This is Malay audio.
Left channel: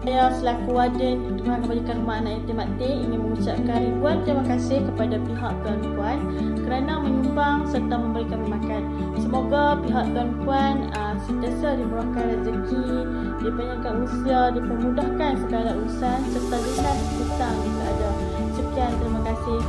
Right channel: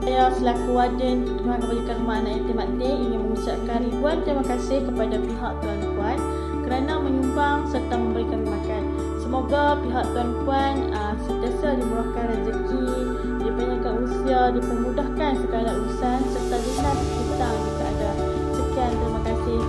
Saya selaku Warden Pertubuhan Kebajikan Rumah Anak Yatim Aktif ingin mengucapkan ribuan terima kasih kepada pihak tuan-puan kerana menyumbang serta memberi kami makan. Semoga pihak tuan-puan sentiasa dimurahkan rezeki, dipanjangkan usia, dipermudahkan segala urusan serta lunas hutang jika ada. Sekian, terima kasih.